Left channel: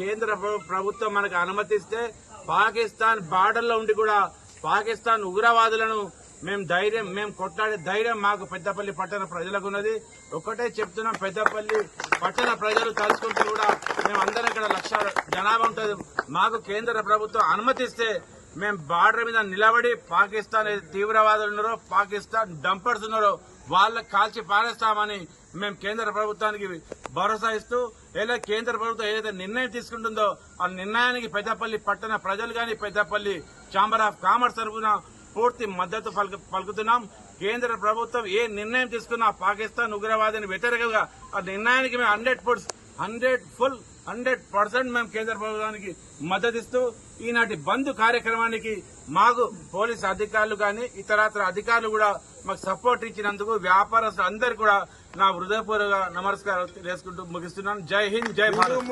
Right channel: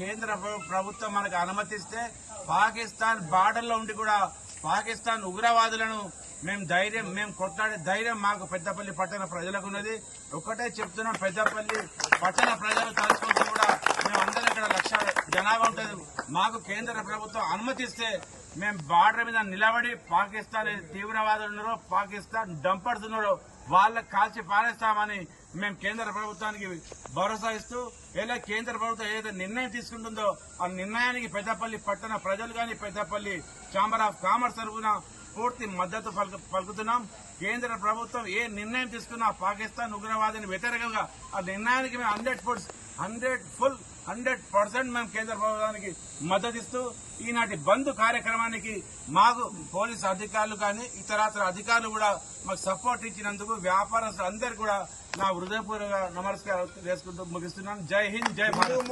కేంద్ర ప్రభుత్వం మనకు అనుమతిస్తే పాకిస్తాన్ బార్డర్లో ఉండి కూడా పాకిస్తాన్ ఉగ్రవాదులను మేము కొట్లాడే ధైర్యం మాకు పెద్దపల్లి పట్టణ ప్రజలకు ఉన్నది. ఒక్కటే చెప్తున్నాం, పెద్దపల్లి పట్టణ ప్రజలు తలుచుకుంటూ కూడా మేమందరం ఇక్కడ 1,00,000 జనాభా ఉంటుంది. మాకు కేంద్ర ప్రభుత్వం అనుమతిస్తే మేము బార్డర్ మీద నిలబడి పాకిస్తాన్ తీవ్రవాదులు ఉన్నారో, పాకిస్తాన్ డంపర్స్ ఉన్నారో వాళ్ళకి కాల్చి పారేస్తామని మేము కేంద్ర ప్రభుత్వానికి భరోసా ఇస్తూ, లేదా కేంద్ర ప్రభుత్వం ఏదైతే నిర్ణయం తీసుకుంటుందో ఆ నిర్ణయానికి పెద్దపల్లి పట్టణ ప్రజలు గాని పెద్దపల్లి ఛాంబర్ ఆఫ్ కామర్స్ తరఫున పూర్తి మద్దతు పలుకుతున్నాం. కేంద్ర ప్రభుత్వం ఏ నిర్ణయం తీసుకున్నా పాకిస్తాన్ ఉగ్రవాదాన్ని వ్యతిరేకంగా ఆ నిర్ణయానికి మేము 100% మేము కేంద్ర ప్రభుత్వానికి మద్దతిస్తూ ఈనాటి బంద్ కార్యక్రమానికి మాకు పోలీసు అధికారులు కానీ ఇతరత్ర అధికారులు కూడా మాకు సపోర్ట్ ఇచ్చినందుకు వ్యాపారస్తులు అందరికీ కూడా నా హృదయపూర్వక నమస్కారం చేసుకుంటూ ముగిస్తున్నాను. జై హింద్, జై భారత్.